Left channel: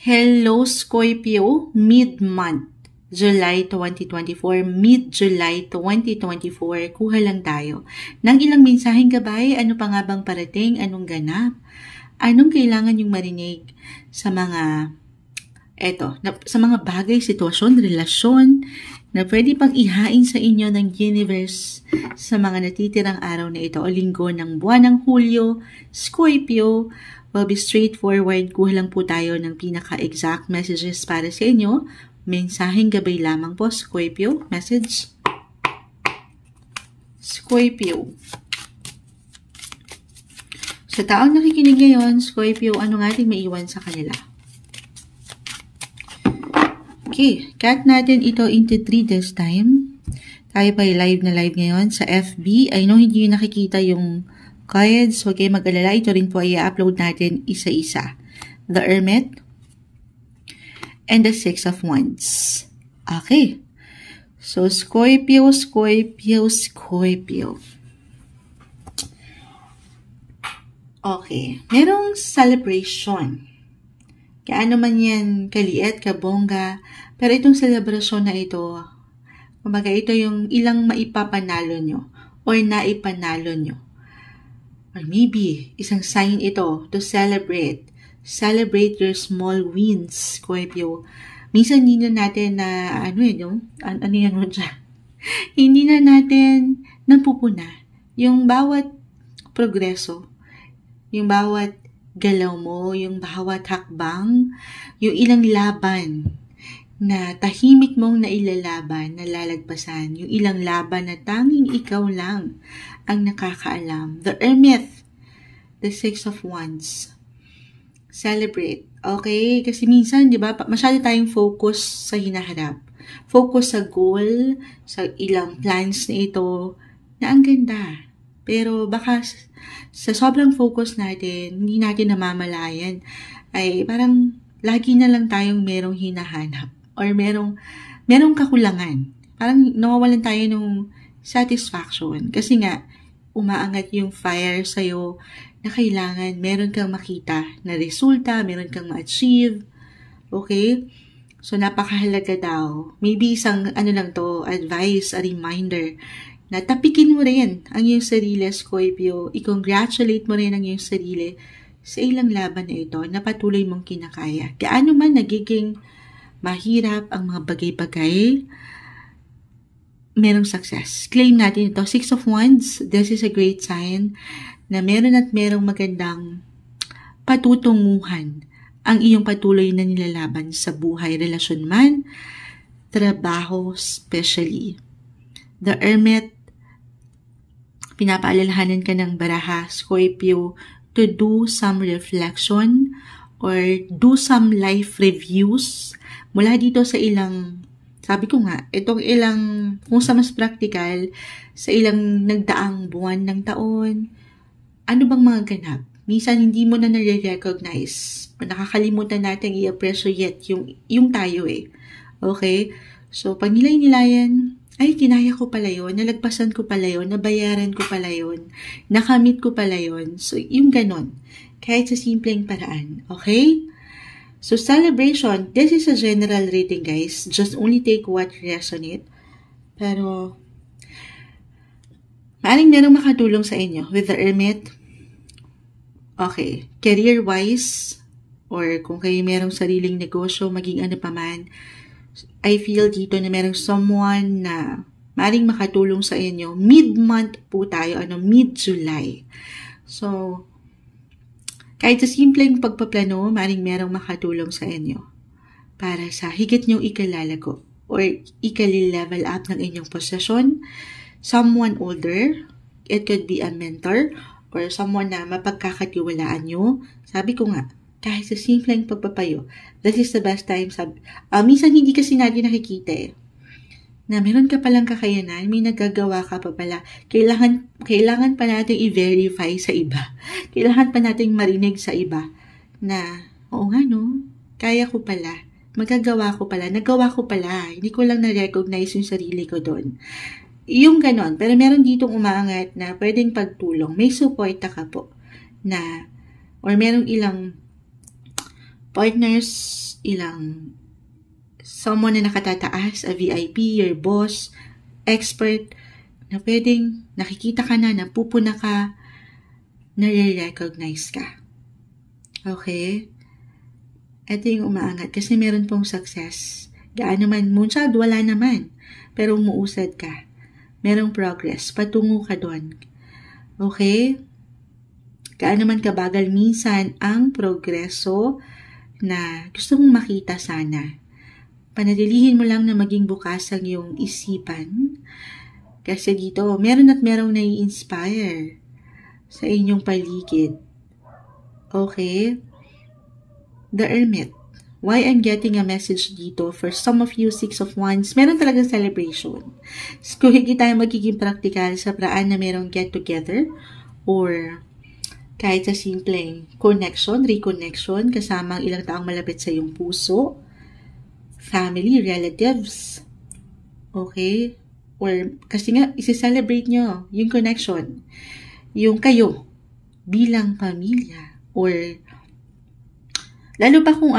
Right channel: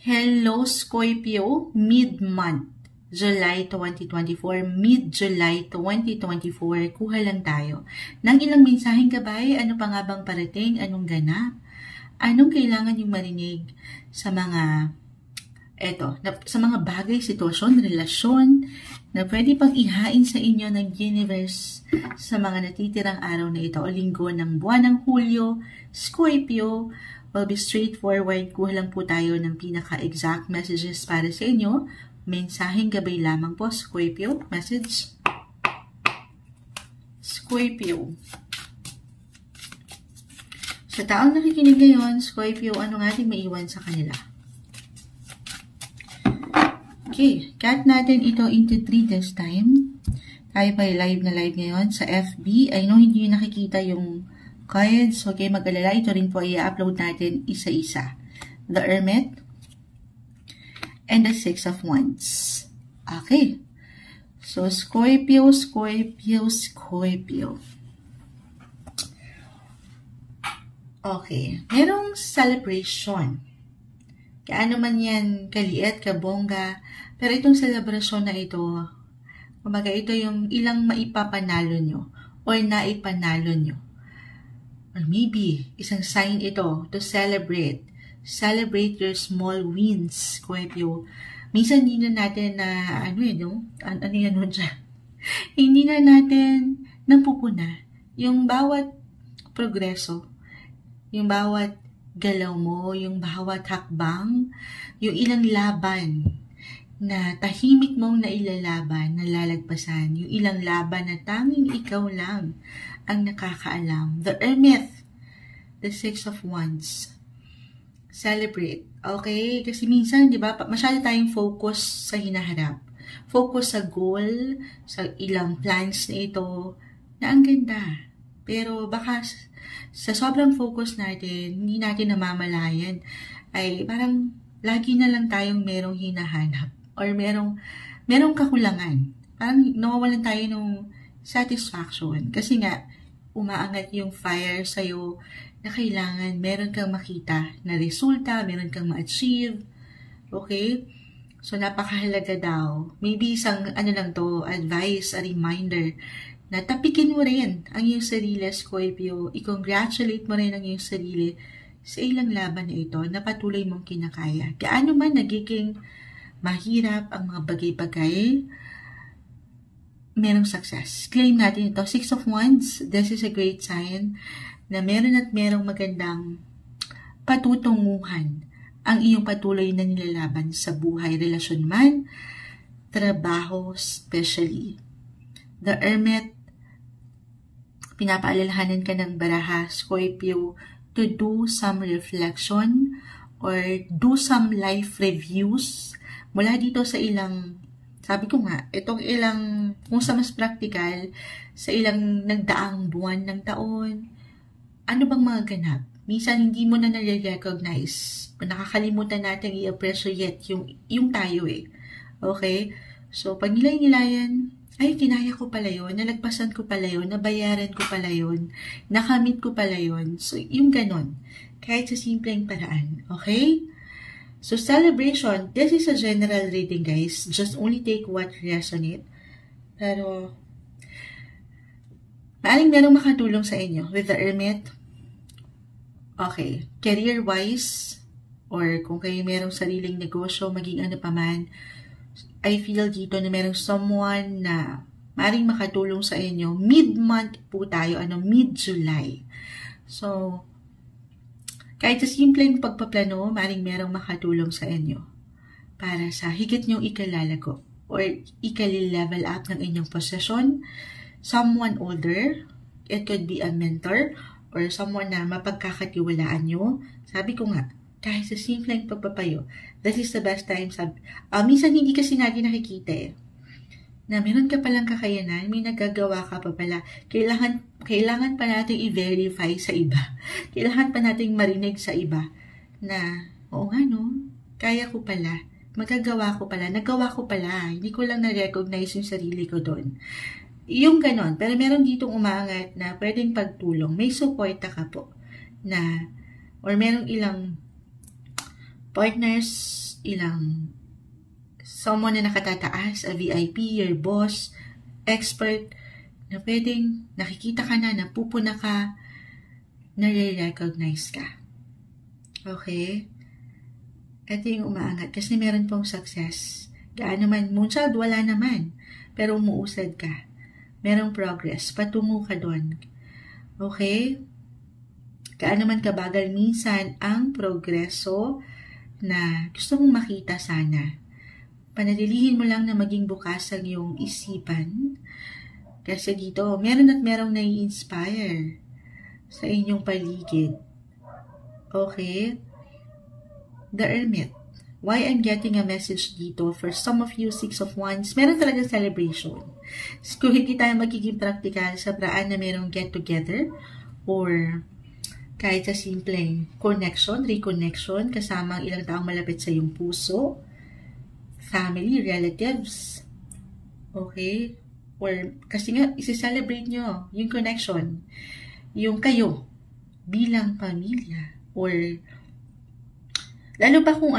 Hello Scorpio, mid-month, July 2024, mid-July 2024, kuha lang tayo ng ilang mensaheng gabay. Ano pa nga bang parating? Anong ganap? Anong kailangan yung marinig sa mga sa mga bagay, sitwasyon, relasyon na pwede pang ihain sa inyo ng universe sa mga natitirang araw na ito o linggo ng buwan ng Hulyo. Scorpio, will be straightforward. Kuha lang po tayo ng pinaka-exact messages para sa inyo. Mensaheng gabay lamang po, Scorpio. Message. Scorpio. Sa taong nakikinig ngayon, Scorpio, ano nga ating maiwan sa kanila? Okay, cut natin ito into 3 this time. Tayo pa live na live ngayon sa FB. I know hindi nyo nakikita yung cards. Huwag kayo mag-alala. Ito rin po ay i-upload natin isa-isa. The Hermit and the Six of Wands. Okay. So, Scorpio, Scorpio, Scorpio. Okay. Merong celebration. Kaano man yan, kaliit, kabongga. Pero itong celebration na ito, kumbaga ito yung ilang maipapanalo nyo or naipanalo nyo. Or maybe, isang sign ito to celebrate. Celebrate your small wins, Scorpio. Minsan hindi na natin na, ano yan mo dyan? Hindi na natin napupuna yung bawat progreso, yung bawat galaw mo, yung bawat hakbang, yung ilang laban na tahimik mong nailalaban, nalalagpasan, yung ilang laban na tanging ikaw lang ang nakakaalam. The Hermit, the Six of Wands. Celebrate. Okay? Kasi minsan, di ba, masyado tayong focus sa hinaharap. Focus sa goal, sa ilang plans na ito, na ang ganda. Pero baka sa sobrang focus natin, hindi natin namamalayan, ay parang lagi na lang tayong merong hinahanap or merong kakulangan. Parang nawawalan tayo ng satisfaction. Kasi nga, umaangat yung fire sa'yo na kailangan meron kang makita na resulta, meron kang ma-achieve. Okay? So, napakahalaga daw. Maybe isang, advice, a reminder, na tapikin mo rin ang iyong sarili, Scorpio. I-congratulate mo rin ang iyong sarili sa ilang laban na ito na patuloy mong kinakaya. Gaano man nagiging mahirap ang mga bagay-bagay, merong success. Claim natin ito. Six of Wands, this is a great sign na meron at merong magandang patutunguhan ang iyong patuloy na nilalaban sa buhay, relasyon man, trabaho, especially. The Hermit, pinapaalalahanan ka ng baraha, Scorpio, to do some reflection or do some life reviews mula dito sa ilang, sabi ko nga, itong ilang, kung sa mas practical, sa ilang nagdaang buwan ng taon, ano bang mga ganap? Minsan hindi mo na nare-recognize o nakakalimutan natin i-appreciate yung tayo eh. Okay? So, pag nilay-nilayan, ay, kinaya ko pala yun, nalagpasan ko pala yun, nabayaran ko pala yun, nakamit ko pala yun. So, yung ganon. Kahit sa simpleng paraan. Okay? So, celebration. This is a general reading, guys. Just only take what resonate. Pero, maaaring merong makatulong sa inyo with the Hermit. Okay. Career-wise, or kung kayo merong sariling negosyo, maging ano pa man, I feel dito na merong someone na maaaring makatulong sa inyo. Mid-month po tayo, mid-July. So, kahit sa simpleng pagpaplano, maaaring merong makatulong sa inyo para sa higit nyong ikalalago or ikali-level up ng inyong posisyon. Someone older, it could be a mentor or someone na mapagkakatiwalaan nyo. Sabi ko nga, kahit sa simpleng pagpapayo, that is the best time. Minsan hindi kasi natin nakikita na meron ka palang kakayanan, may nagagawa ka pa pala. Kailangan pa natin i-verify sa iba. Kailangan pa natin marinig sa iba na, oo nga no, kaya ko pala, magagawa ko pala, nagawa ko pala, hindi ko lang na-recognize yung sarili ko doon. Yung ganon, pero meron ditong umangat na pwedeng pagtulong. May support ka po na, or merong ilang partners, someone na nakatataas, a VIP, your boss, expert, na pwedeng nakikita ka na, napupuna ka, nare-recognize ka. Okay? Ito yung umaangat kasi meron pong success. Gaano man, moonshot, wala naman. Pero umuusad ka. Merong progress. Patungo ka doon. Okay? Gaano man kabagal minsan ang progreso na gusto mong makita sana. Panatilihin mo lang na maging bukas ang iyong isipan. Kasi dito, meron at merong nai-inspire sa inyong paligid. Okay? The Hermit. Why I'm getting a message dito, for some of you, 6 of Wands, meron talagang celebration. Kung hindi tayo magiging practical sa paraan na merong get together or kahit sa simpleng connection, reconnection, kasama ang ilang taong malapit sa iyong puso, family, relatives, okay? Or kasi nga, isi-celebrate nyo yung connection, yung kayo bilang pamilya, or lalo pa kung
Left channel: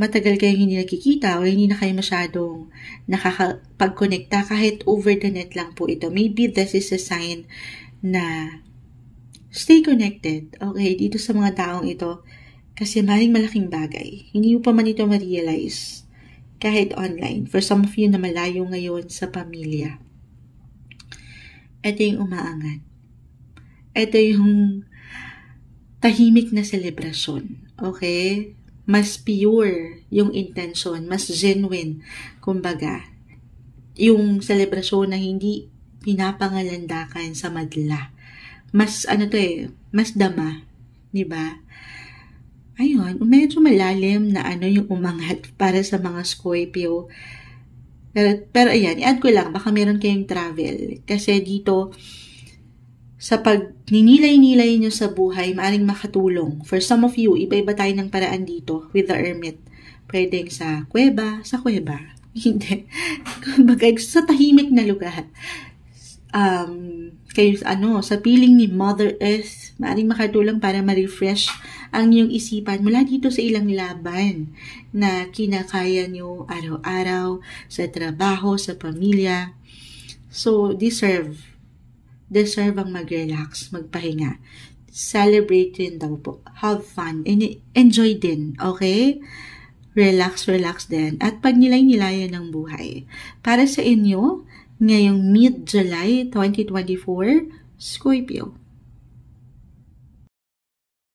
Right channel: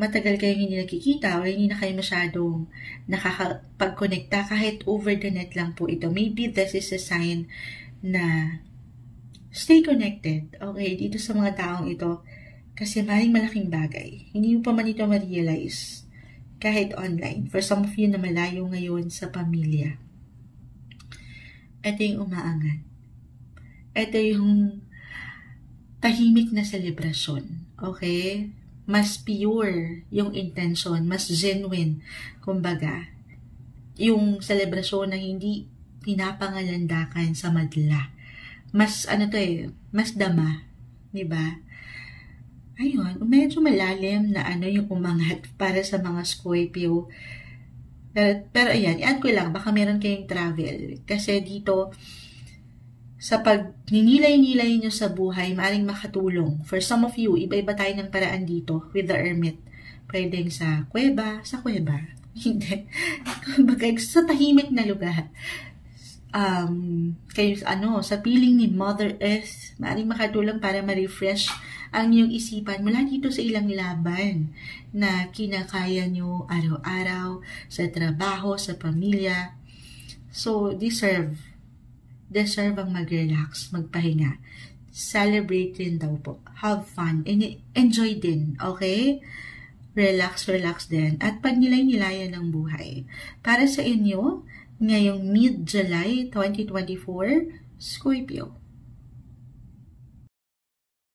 matagal kayong hindi nakikita o hindi na kayo masyadong nakakapag-connecta kahit over the net lang po ito. Maybe this is a sign na stay connected, okay, dito sa mga taong ito kasi maring malaking bagay. Hindi mo pa man ito ma-realize kahit online. For some of you na malayo ngayon sa pamilya. Ito yung umaangat. Ito yung tahimik na selebrasyon, okay? Mas pure yung intention, mas genuine, kumbaga. Yung selebrasyon na hindi pinapangalandakan sa madla. Mas, mas dama, di ba? Ayun, medyo malalim na yung umangat para sa mga Scorpio. Pero ayan, i-add ko lang, baka meron kayong travel. Kasi dito, sa pag ninilay-nilay nyo sa buhay, maaring makatulong. For some of you, iba-iba tayo ng paraan dito with the Hermit. Pwedeng sa kuweba. Hindi. Kumbaga, sa tahimik na lugar. Sa piling ni Mother Earth, maaring makatulong para ma-refresh ang iyong isipan mula dito sa ilang laban na kinakaya nyo araw-araw, sa trabaho, sa pamilya. So, deserve ang mag-relax, magpahinga. Celebrate din daw po. Have fun. Enjoy din. Okay? Relax din. At pagnilay-nilayan ng buhay. Para sa inyo, ngayong mid-July 2024, Scorpio.